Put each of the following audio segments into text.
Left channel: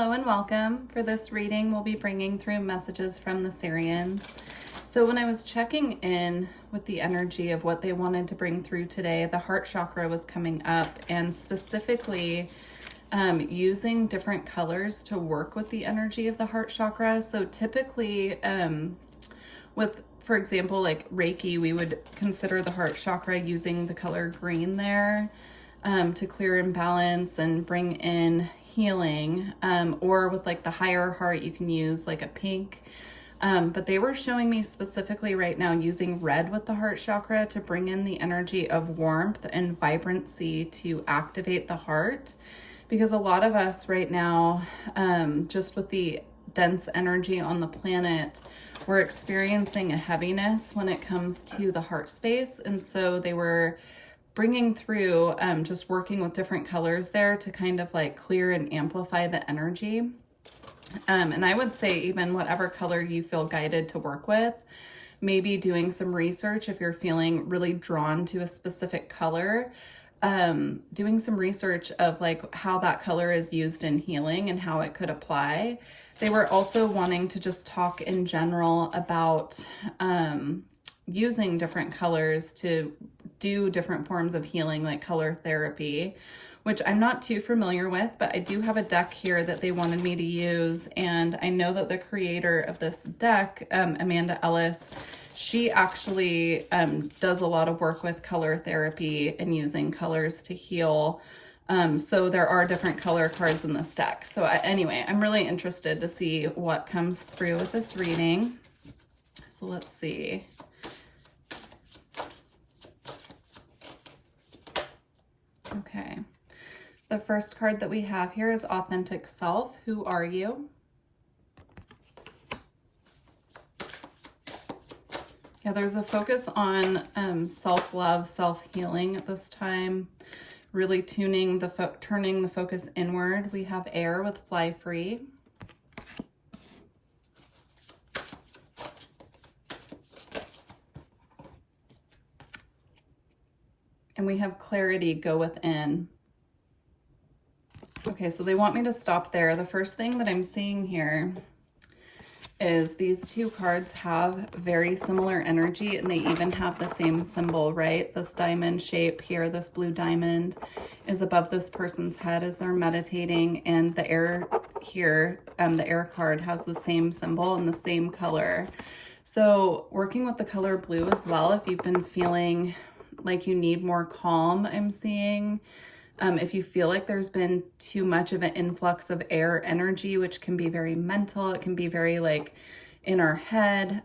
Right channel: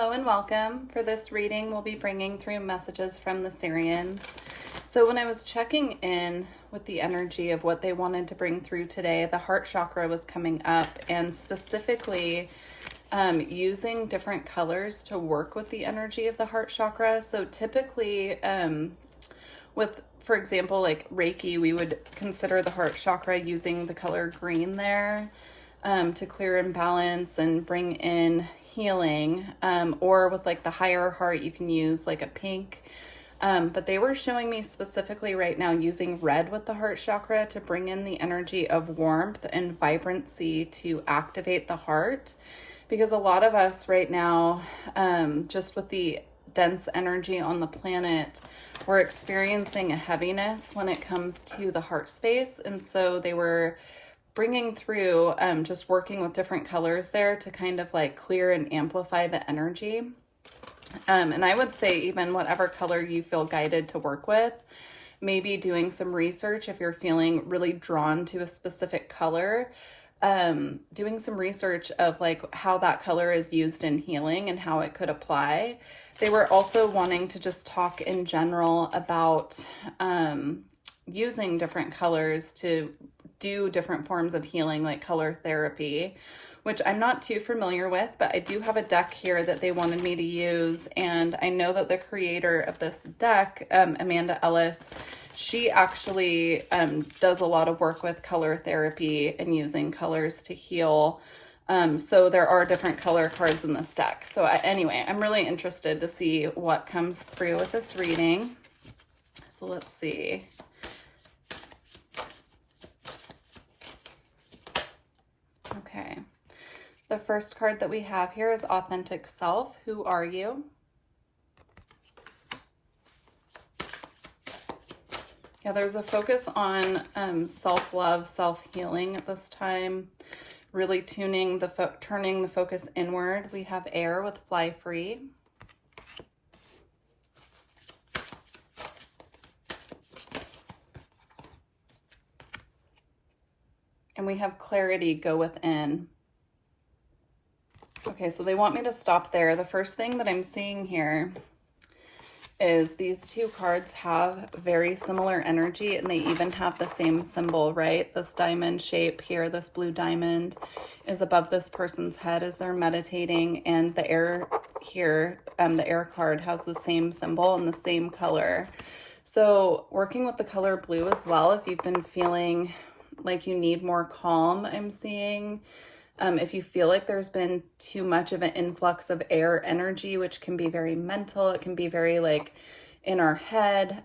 Hello and welcome. For this reading, we'll be bringing through messages from the Sirians. So when I was checking in with the energy of what they wanted to bring through today, the heart chakra was coming up, and specifically using different colors to work with the energy of the heart chakra. So typically for example, like Reiki, we would consider the heart chakra using the color green there to clear imbalance and bring in healing, or with like the higher heart, you can use like a pink. But they were showing me specifically right now using red with the heart chakra to bring in the energy of warmth and vibrancy to activate the heart. Because a lot of us right now, just with the dense energy on the planet, we're experiencing a heaviness when it comes to the heart space. And so they were bringing through just working with different colors there to kind of like clear and amplify the energy. And I would say even whatever color you feel guided to work with, maybe doing some research if you're feeling really drawn to a specific color, doing some research of like how that color is used in healing and how it could apply. They were also wanting to just talk in general about using different colors to do different forms of healing, like color therapy, which I'm not too familiar with, but I do have a deck here that they wanted me to use. And I know that the creator of this deck, Amanda Ellis, she actually does a lot of work with color therapy and using colors to heal. So there are different color cards in this deck. So anyway, I'm really interested to see what comes through with this reading. So let's see. Okay. The first card that we have here is Authentic Self. Who are you? Yeah, there's a focus on self-love, self-healing at this time. Really turning the focus inward. We have Air with Fly Free. And we have Clarity, Go Within. Okay, so they want me to stop there. The first thing that I'm seeing here is these two cards have very similar energy, and they even have the same symbol, right? This diamond shape here, this blue diamond is above this person's head as they're meditating, and the air here, the air card has the same symbol and the same color. So working with the color blue as well, if you've been feeling like you need more calm, I'm seeing. If you feel like there's been too much of an influx of air energy, which can be very mental, it can be very like in our head,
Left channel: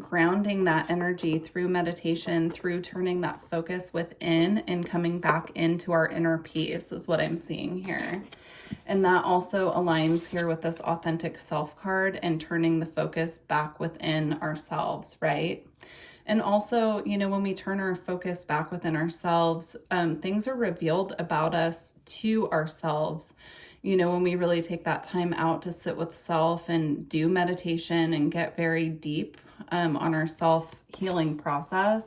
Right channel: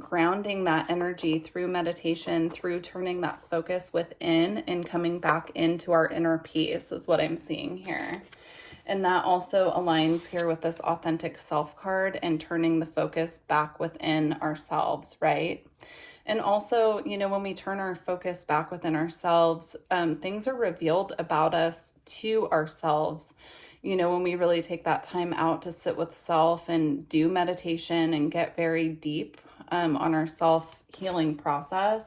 grounding that energy through meditation, through turning that focus within and coming back into our inner peace is what I'm seeing here. And that also aligns here with this Authentic Self card and turning the focus back within ourselves, right? And also, you know, when we turn our focus back within ourselves, things are revealed about us to ourselves. You know, when we really take that time out to sit with self and do meditation and get very deep on our self-healing process,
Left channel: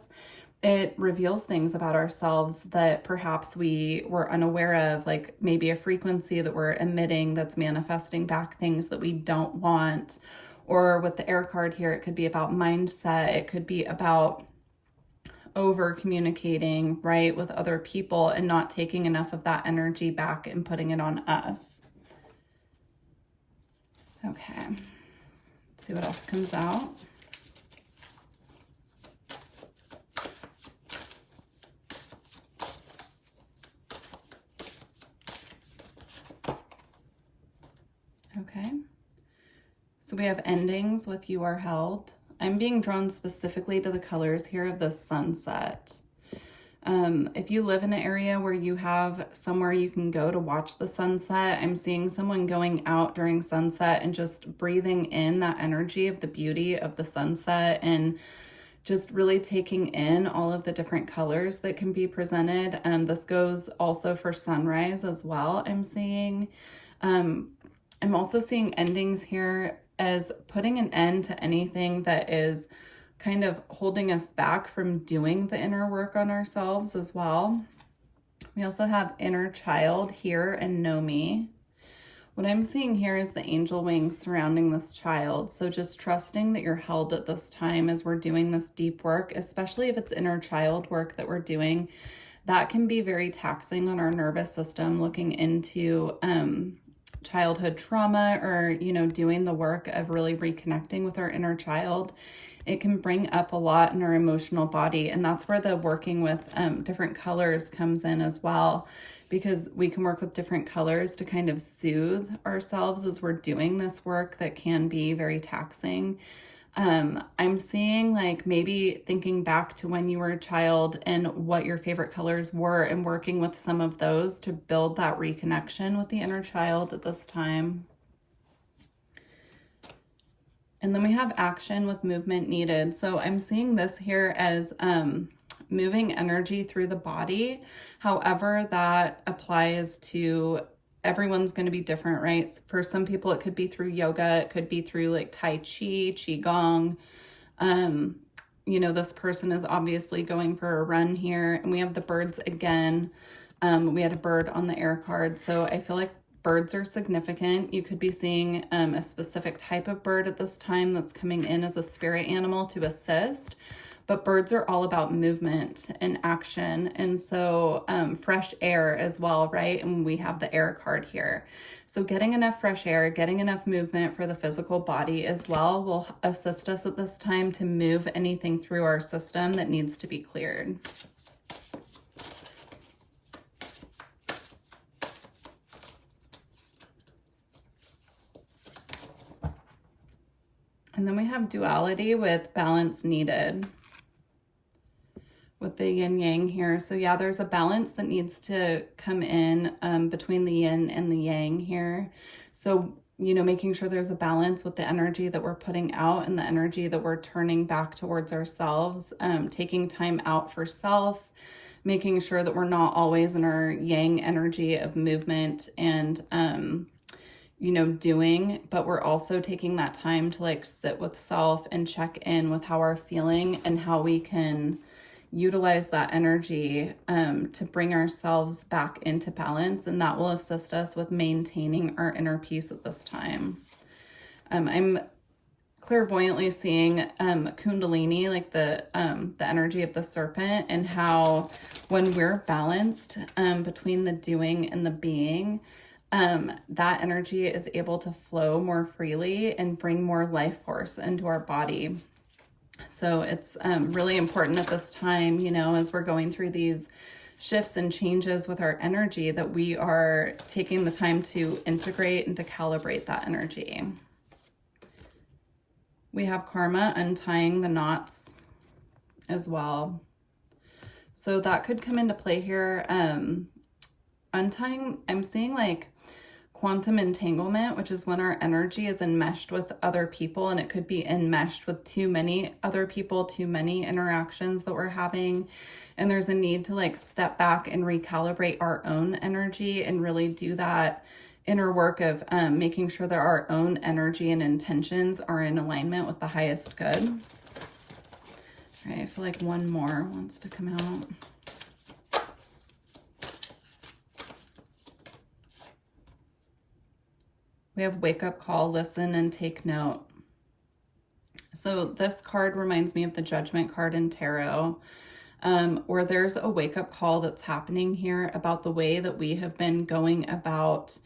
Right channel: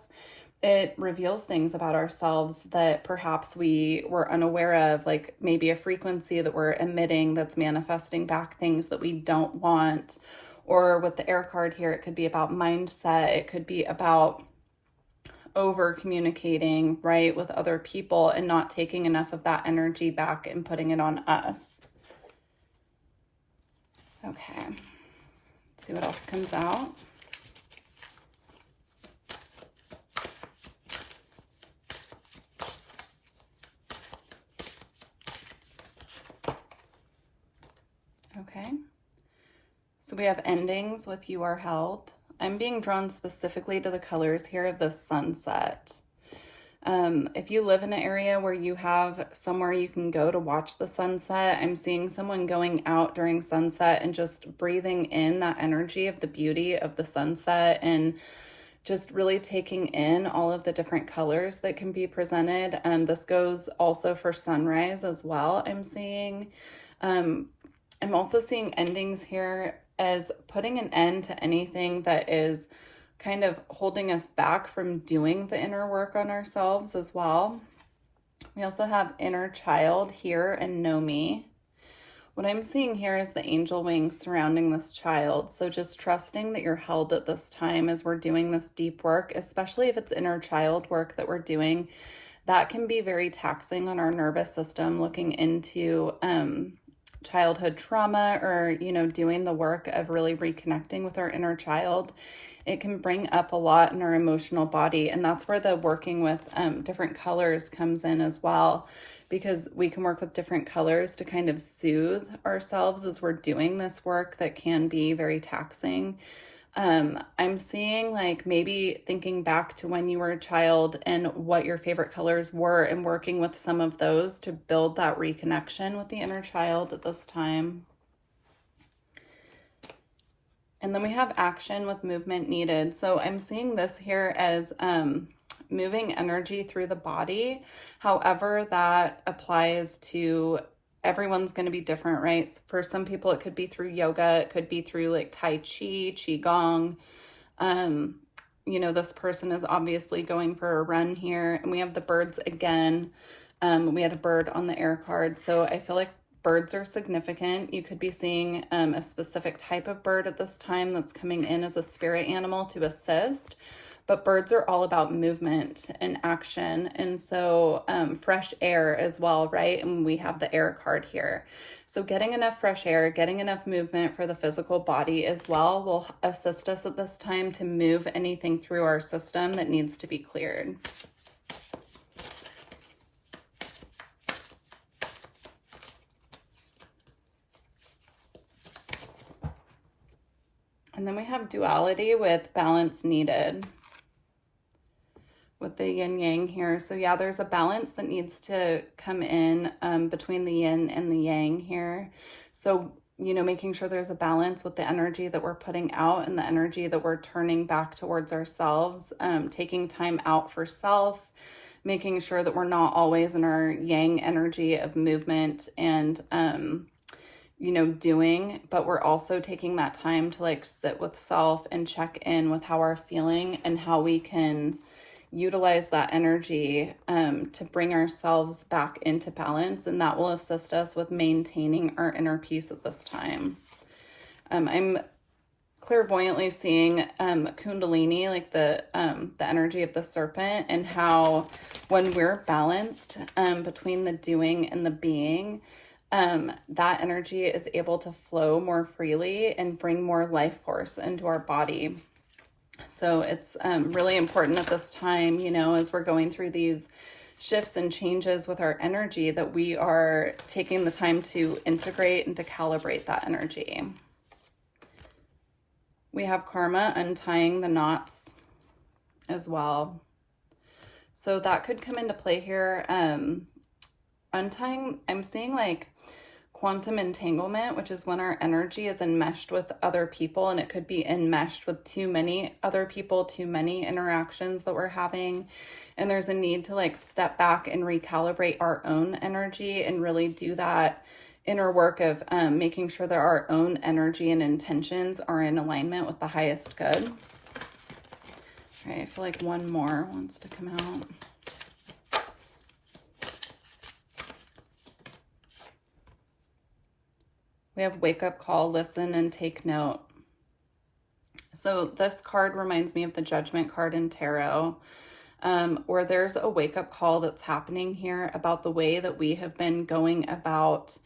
it reveals things about ourselves that perhaps we were unaware of, like maybe a frequency that we're emitting that's manifesting back things that we don't want. Or with the air card here, it could be about mindset. It could be about over communicating, right, with other people and not taking enough of that energy back and putting it on us. Okay, let's see what else comes out. Okay. So we have endings with You Are Held. I'm being drawn specifically to the colors here of the sunset. If you live in an area where you have somewhere you can go to watch the sunset, I'm seeing someone going out during sunset and just breathing in that energy of the beauty of the sunset and just really taking in all of the different colors that can be presented. This goes also for sunrise as well, I'm seeing. I'm also seeing endings here as putting an end to anything that is kind of holding us back from doing the inner work on ourselves as well. We also have Inner Child here and Know Me. What I'm seeing here is the angel wings surrounding this child. So just trusting that you're held at this time as we're doing this deep work, especially if it's inner child work that we're doing. That can be very taxing on our nervous system, looking into childhood trauma, or, you know, doing the work of really reconnecting with our inner child. It can bring up a lot in our emotional body. And that's where the working with different colors comes in as well, because we can work with different colors to kind of soothe ourselves as we're doing this work that can be very taxing. I'm seeing like maybe thinking back to when you were a child and what your favorite colors were, and working with some of those to build that reconnection with the inner child at this time. And then we have action with movement needed. So I'm seeing this here as moving energy through the body. However, that applies to everyone's going to be different, right? So for some people, it could be through yoga. It could be through like Tai Chi, Qigong. You know, this person is obviously going for a run here. And we have the birds again. We had a bird on the air card. So I feel like birds are significant. You could be seeing a specific type of bird at this time that's coming in as a spirit animal to assist. But birds are all about movement and action. And so fresh air as well, right? And we have the air card here. So getting enough fresh air, getting enough movement for the physical body as well will assist us at this time to move anything through our system that needs to be cleared. And then we have duality with balance needed with the yin yang here. So yeah, there's a balance that needs to come in between the yin and the yang here. So, you know, making sure there's a balance with the energy that we're putting out and the energy that we're turning back towards ourselves, taking time out for self, making sure that we're not always in our yang energy of movement and, you know, doing, but we're also taking that time to like sit with self and check in with how we're feeling and how we can utilize that energy to bring ourselves back into balance. And that will assist us with maintaining our inner peace at this time. I'm clairvoyantly seeing Kundalini, like the energy of the serpent, and how when we're balanced between the doing and the being, that energy is able to flow more freely and bring more life force into our body. So it's really important at this time, you know, as we're going through these shifts and changes with our energy, that we are taking the time to integrate and to calibrate that energy. We have karma untying the knots as well. So that could come into play here. Untying, I'm seeing like quantum entanglement, which is when our energy is enmeshed with other people, and it could be enmeshed with too many other people, too many interactions that we're having. And there's a need to like step back and recalibrate our own energy and really do that inner work of making sure that our own energy and intentions are in alignment with the highest good. All right, I feel like one more wants to come out. We have wake up call, listen, and take note. So this card reminds me of the judgment card in tarot, where there's a wake up call that's happening here about the way that we have been going about,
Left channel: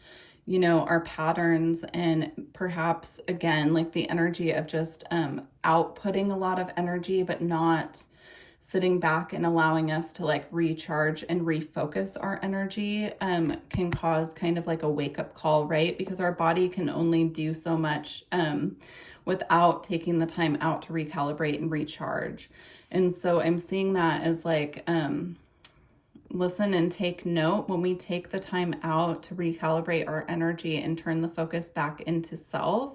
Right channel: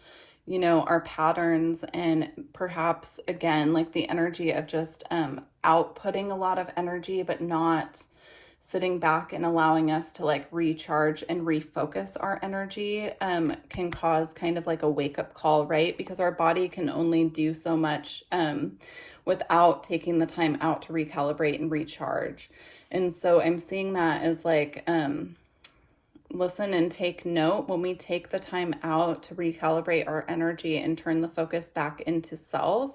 you know, our patterns, and perhaps again, like the energy of just outputting a lot of energy, but not sitting back and allowing us to like recharge and refocus our energy can cause kind of like a wake-up call, right? Because our body can only do so much without taking the time out to recalibrate and recharge. And so I'm seeing that as like listen and take note. When we take the time out to recalibrate our energy and turn the focus back into self,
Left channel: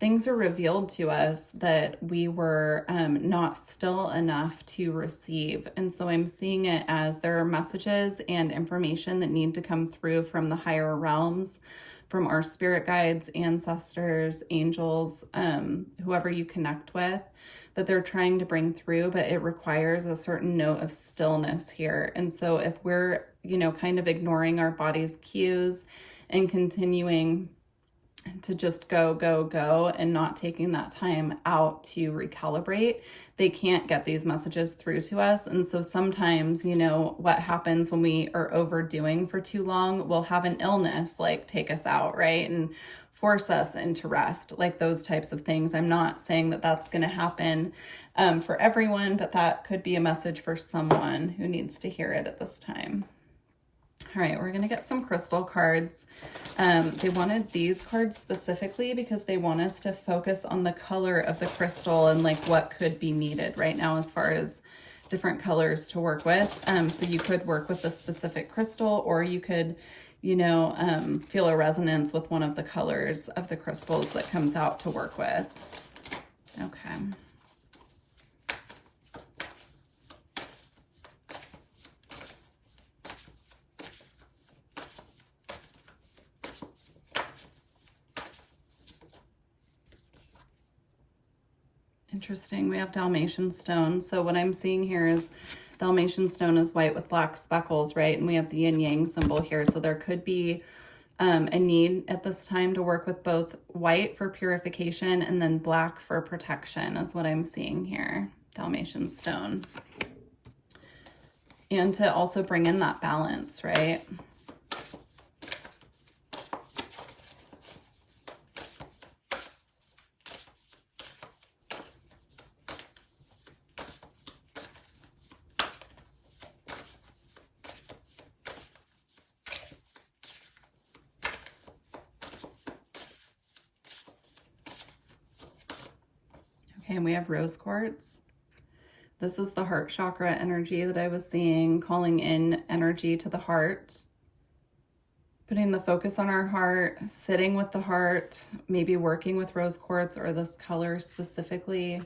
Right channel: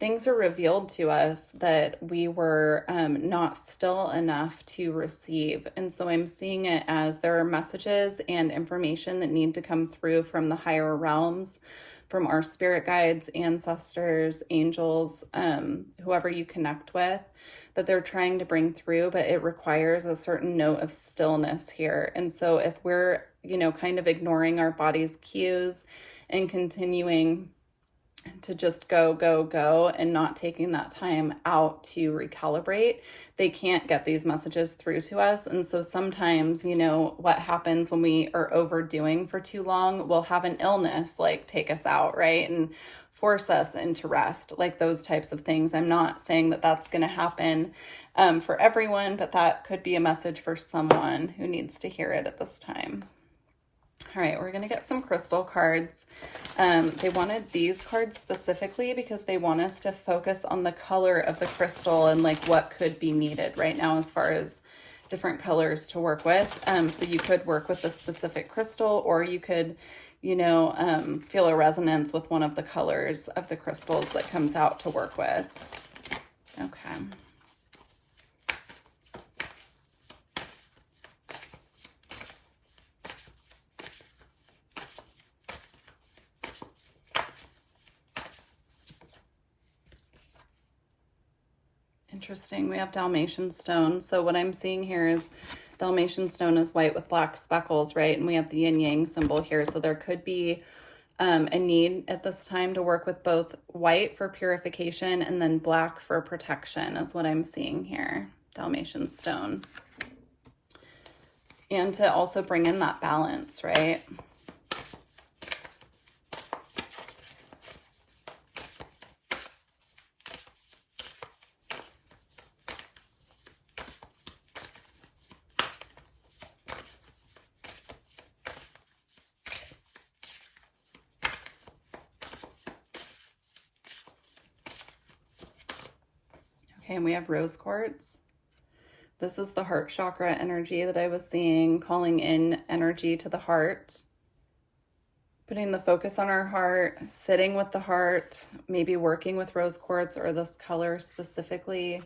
things are revealed to us that we were not still enough to receive. And so I'm seeing it as there are messages and information that need to come through from the higher realms, from our spirit guides, ancestors, angels, whoever you connect with, that they're trying to bring through, but it requires a certain note of stillness here. And so if we're, you know, kind of ignoring our body's cues and continuing to just go, go, go, and not taking that time out to recalibrate, they can't get these messages through to us. And so sometimes, you know, what happens when we are overdoing for too long, we'll have an illness like take us out, right? And force us into rest, like those types of things. I'm not saying that that's going to happen for everyone, but that could be a message for someone who needs to hear it at this time. All right, we're going to get some crystal cards. They wanted these cards specifically because they want us to focus on the color of the crystal and like what could be needed right now as far as different colors to work with. So you could work with a specific crystal, or you could, you know, feel a resonance with one of the colors of the crystals that comes out to work with. Okay. Interesting. We have Dalmatian stone. So what I'm seeing here is Dalmatian stone is white with black speckles, right? And we have the yin yang symbol here. So there could be a need at this time to work with both white for purification and then black for protection is what I'm seeing here. Dalmatian stone. And to also bring in that balance, right? Okay, and we have rose quartz. This is the heart chakra energy that I was seeing, calling in energy to the heart. Putting the focus on our heart, sitting with the heart, maybe working with rose quartz or this color specifically,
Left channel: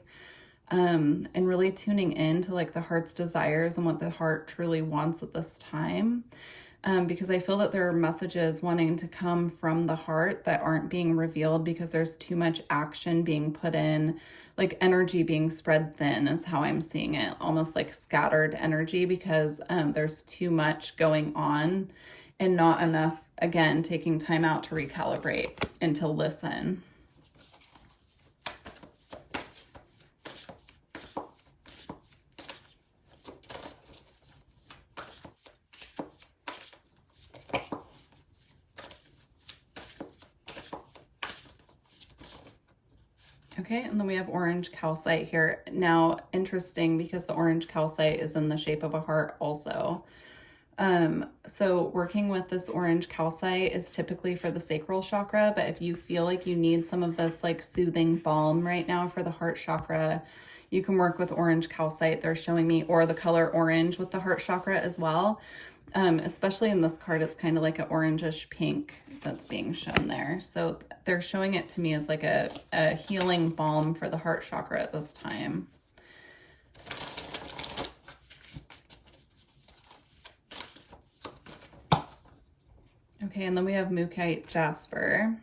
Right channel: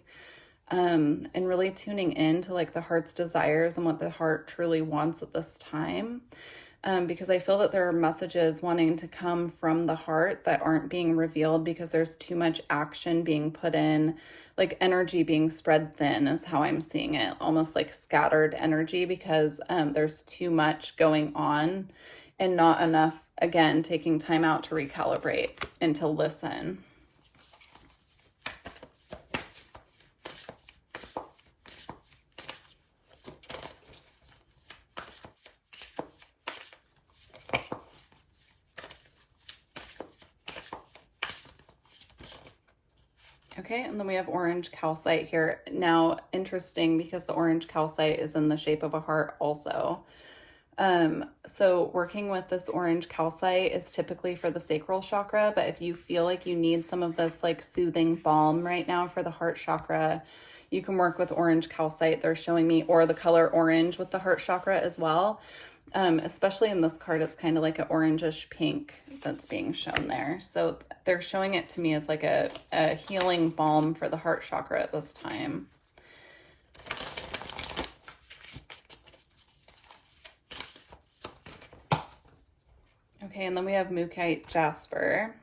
and really tuning in to like the heart's desires and what the heart truly wants at this time. Because I feel that there are messages wanting to come from the heart that aren't being revealed because there's too much action being put in, like energy being spread thin is how I'm seeing it, almost like scattered energy because there's too much going on and not enough, again, taking time out to recalibrate and to listen. Okay, and then we have orange calcite here. Now, interesting because the orange calcite is in the shape of a heart also. So working with this orange calcite is typically for the sacral chakra, but if you feel like you need some of this like soothing balm right now for the heart chakra, you can work with orange calcite. They're showing me, or the color orange with the heart chakra as well. Especially in this card, it's kind of like an orangish pink that's being shown there. So they're showing it to me as like a healing balm for the heart chakra at this time. Okay, and then we have Mookaite Jasper.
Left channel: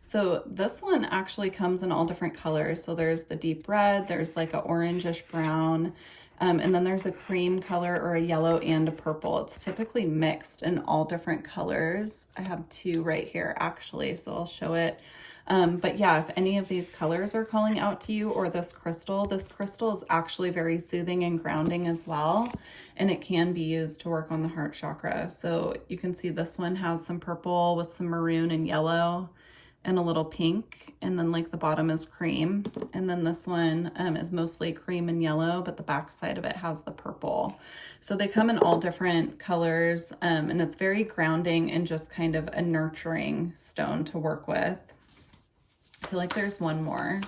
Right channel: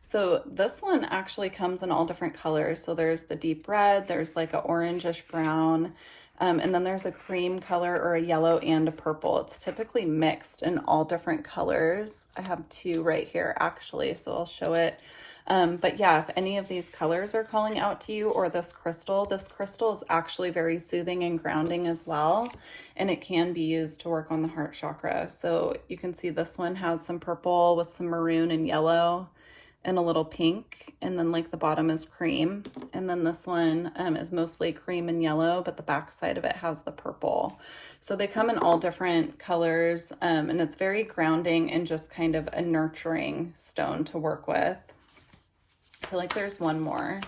So this one actually comes in all different colors. So there's the deep red, there's like a orangish brown, and then there's a cream color or a yellow and a purple. It's typically mixed in all different colors. I have two right here actually, so I'll show it. But yeah, if any of these colors are calling out to you, or this crystal is actually very soothing and grounding as well. And it can be used to work on the heart chakra. So you can see this one has some purple with some maroon and yellow and a little pink, and then like the bottom is cream, and then this one is mostly cream and yellow, but the back side of it has the purple. So they come in all different colors, and it's very grounding and just kind of a nurturing stone to work with. I feel like there's one more.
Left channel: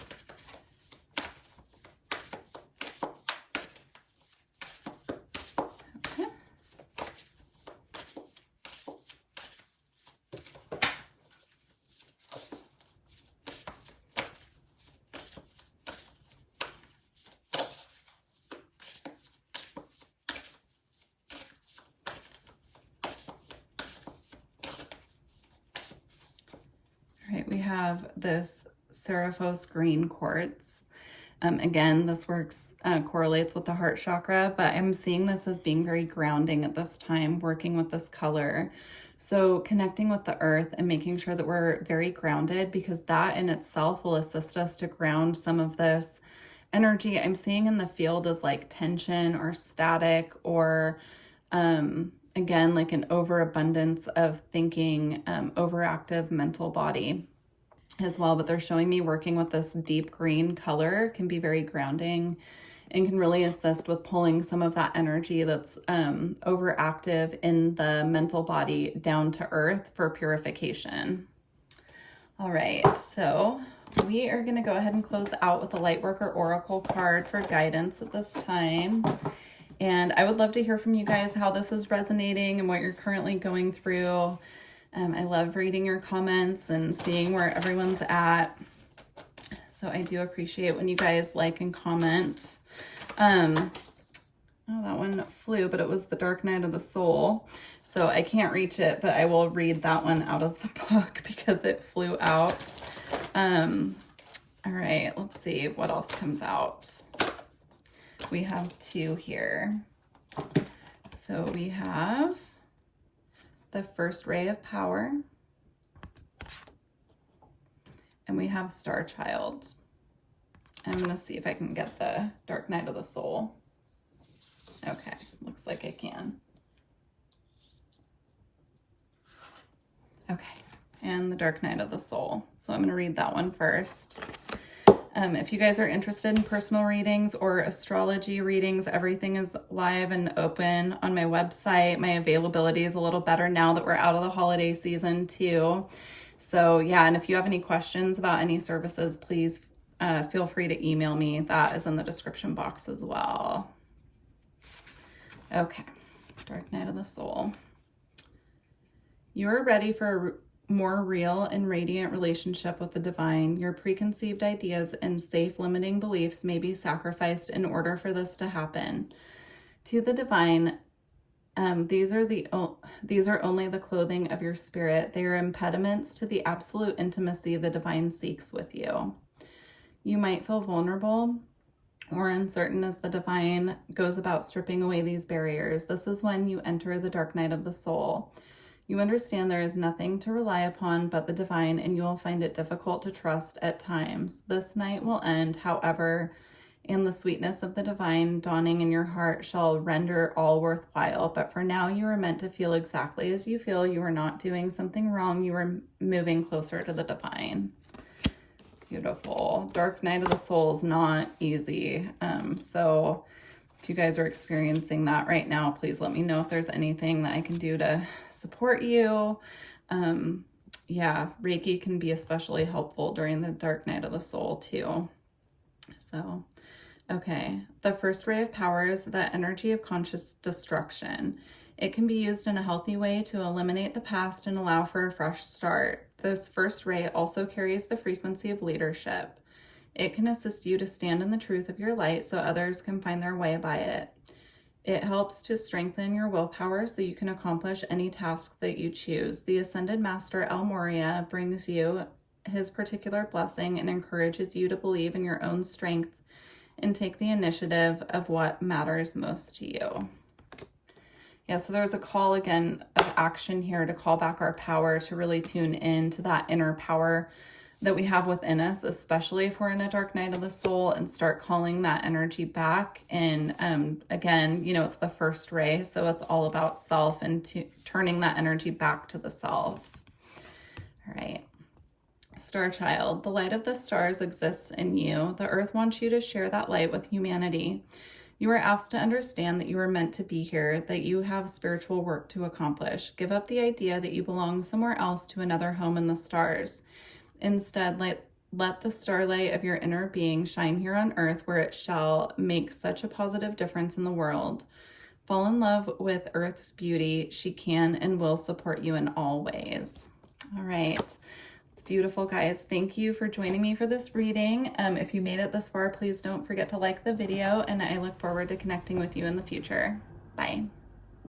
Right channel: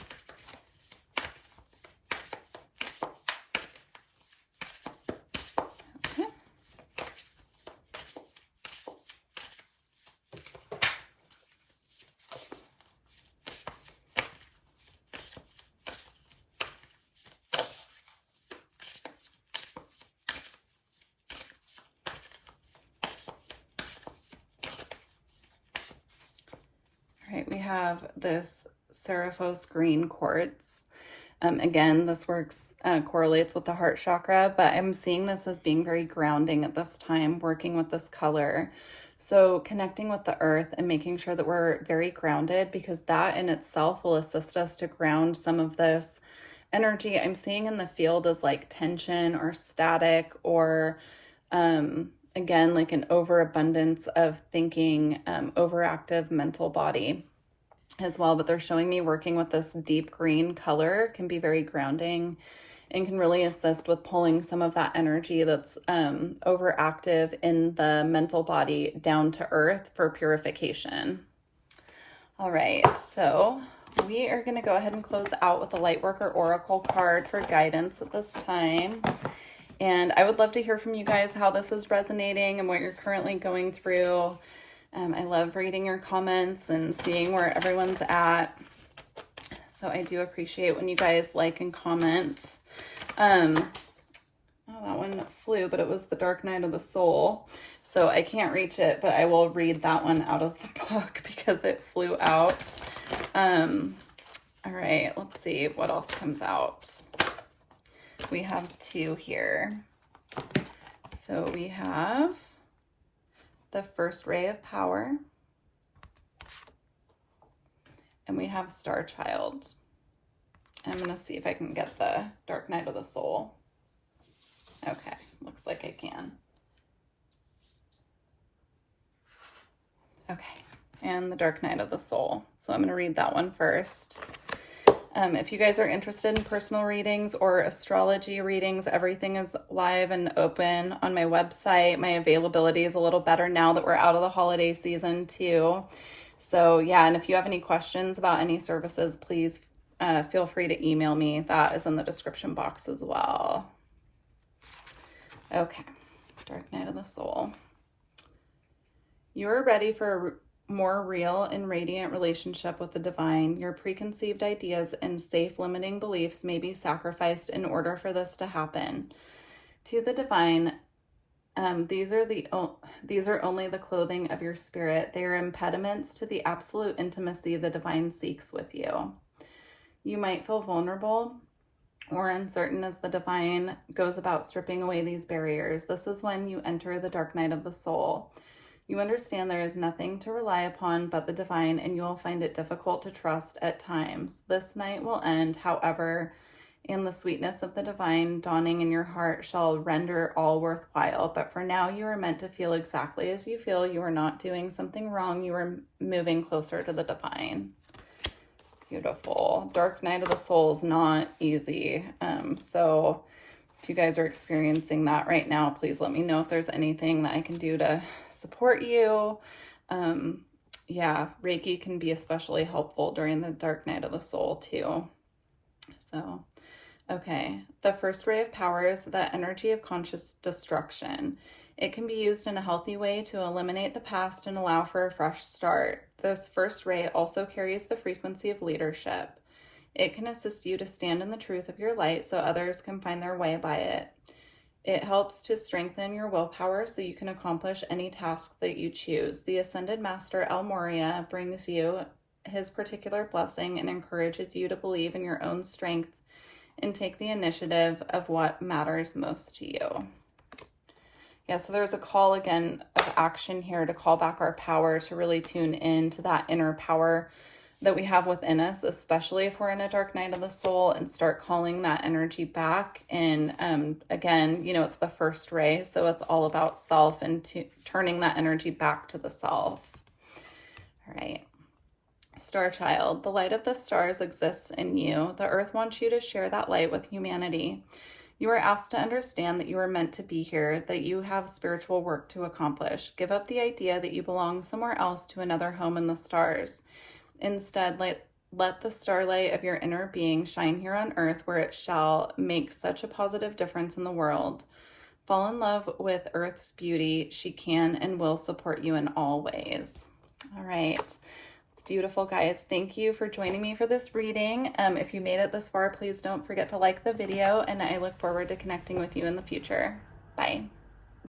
We have this Seraphos green quartz. Again, this correlates with the heart chakra, but I'm seeing this as being very grounding at this time, working with this color, So connecting with the earth and making sure that we're very grounded, because that in itself will assist us to ground some of this energy I'm seeing in the field as like tension or static, or again, like an overabundance of thinking, overactive mental body as well. But they're showing me working with this deep green color can be very grounding and can really assist with pulling some of that energy that's overactive in the mental body down to earth for purification. All right, so we are going to go ahead and close out with a Lightworker Oracle card for guidance at this time. And I would love to hear from you guys how this is resonating and what you're currently going through. I love reading your comments and seeing where everyone's at. So I do appreciate when you guys like and comment. Oh, that one flew, but it was the Dark Night of the Soul. So I can't reach it, but I will read that one out of the book because it flew out. All right, let's see what else comes out. We have two here. So we have the First Ray of Power, and we have Star Child. I'm going to see if I can get the Dark Night of the Soul. Okay, looks like I can. Okay, and the Dark Night of the Soul. So I'm going to read that one first. If you guys are interested in personal readings or astrology readings, everything is live and open on my website. My availability is a little better now that we're out of the holiday season too. So yeah, and if you have any questions about any services, please feel free to email me. That is in the description box as well. Okay, Dark Night of the Soul. You are ready for a more real and radiant relationship with the divine. Your preconceived ideas and safe limiting beliefs may be sacrificed in order for this to happen. To the divine, these are only the clothing of your spirit. They are impediments to the absolute intimacy the divine seeks with you. You might feel vulnerable or uncertain as the divine goes about stripping away these barriers. This is when you enter the Dark Night of the Soul. You understand there is nothing to rely upon but the divine, and you will find it difficult to trust at times. This night will end, however, and the sweetness of the divine dawning in your heart shall render all worthwhile. But for now, you are meant to feel exactly as you feel. You are not doing something wrong. You are moving closer to the divine. Beautiful. Dark Night of the Soul is not easy. So if you guys are experiencing that right now, please let me know if there's anything that I can do to support you. Yeah, Reiki can be especially helpful during the Dark Night of the Soul too. So, okay. The First Ray of Power is the energy of conscious destruction. It can be used in a healthy way to eliminate the past and allow for a fresh start. This first ray also carries the frequency of leadership. It can assist you to stand in the truth of your light so others can find their way by it. It helps to strengthen your willpower so you can accomplish any task that you choose. The Ascended Master El Moria brings you his particular blessing and encourages you to believe in your own strength and take the initiative of what matters most to you. Yeah, so there's a call again of action here to call back our power, to really tune in to that inner power that we have within us, especially if we're in a Dark Night of the Soul, and start calling that energy back. And again, you know, it's the first ray, so it's all about self and turning that energy back to the self. All right. Star Child, the light of the stars exists in you. The earth wants you to share that light with humanity. You are asked to understand that you are meant to be here, that you have spiritual work to accomplish. Give up the idea that you belong somewhere else to another home in the stars. Instead, let the starlight of your inner being shine here on earth, where it shall make such a positive difference in the world. Fall in love with Earth's beauty. She can and will support you in all ways. All right. Beautiful, guys. Thank you for joining me for this reading. If you made it this far, please don't forget to like the video, and I look forward to connecting with you in the future. Bye.